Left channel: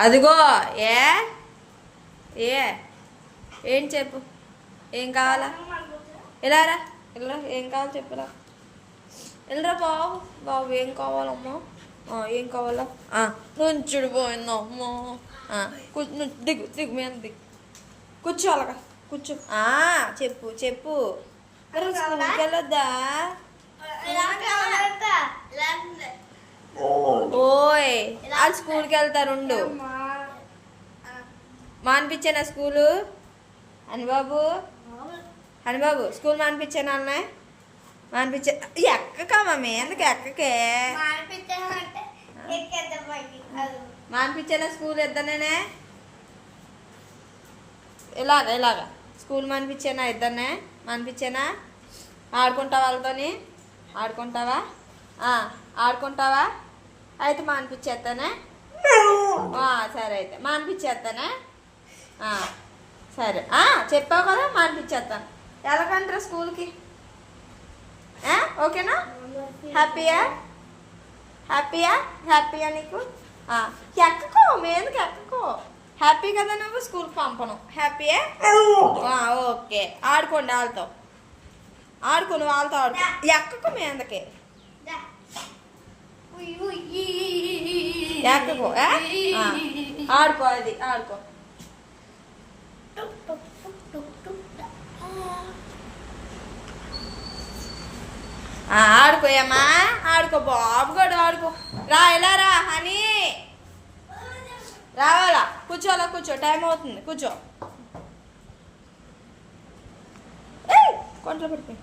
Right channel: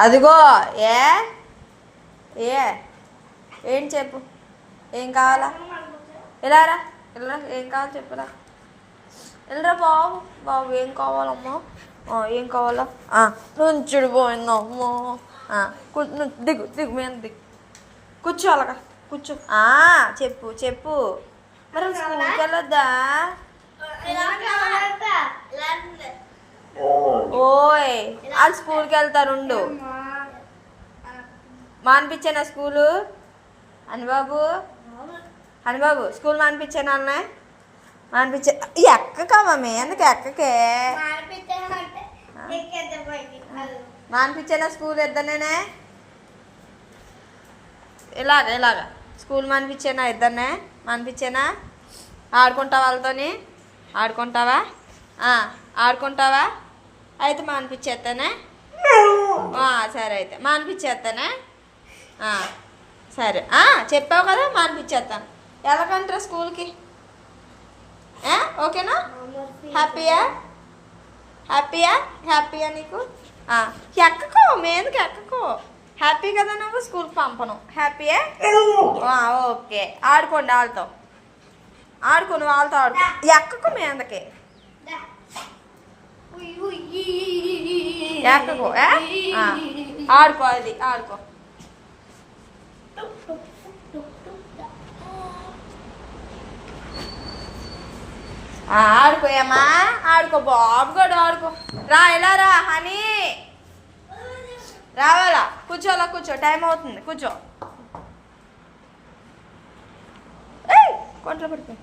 అదిగో. ఏ ఏ ఏం చెప్పు, ఏం కావాలా? ఇలారా, ఇలా ఏం కావాలి చెప్పురా. వెళ్ళరా బాబు. బాబు ఏం కావాలమ్మా? ఏం కావాలా? నుంచుడు పోయిందమ్మా. దిగు దిగు మీద దిగు. కూర్చో అలాగా కూర్చో. చెప్పు చెప్పు. మరి స్కూల్కి వెళ్ళొద్దా? ఓయ్ వాళ్ళు స్కూల్కి వెళ్తారుండు. మానిపించానా స్కూలు? హనిబాబు హనిబాబు స్కూల్ మానిపించాను అన్న. మానిపించా. ఎక్కకమ్మా ఎందుకు ఎక్కకే? మానిపించానా స్కూల్ ఇద్దరినే? ఇలాగా స్కూల్ మానిపించానా ఇద్దరినే? మానిపించానా? ఆడుకుంటావా వాళ్ళతోని? ఆడుకుంటావా? ఆడుకుంటావా? అయితే మానిపించేస్తానే. సరే అయితే మానిపించేస్తానే. సరే చెప్పావు కదా మానిపించేస్తాను. ఎలాగంటారా స్కూల్కి? ఓకేనా? హ్యాపీయా? హ్యాపీయా? హ్యాపీయా నీకు? ఎక్కకో మీదకి ఎక్కకో. హ్యాపీ కదా నువ్వు? స్కూల్కి పంపను. హ్యాపీయా? ఓకే. ఆడుకోండి వాళ్ళతో. ఆడుకోను వాళ్ళతో ఆడుకో. ఎక్కకు మీదకి ఎక్కకో. ఆడుకో. అది ఆడుకో. ఆడుకోయమ్మా. ఆడుకో బాబు కూడా ఆడుకో. ఇలా రా హనీ. రావాలా? కూర్చోలా కూర్చో. టైం అవుతుంది. కూర్చో. కొంట్లో పడిపోయి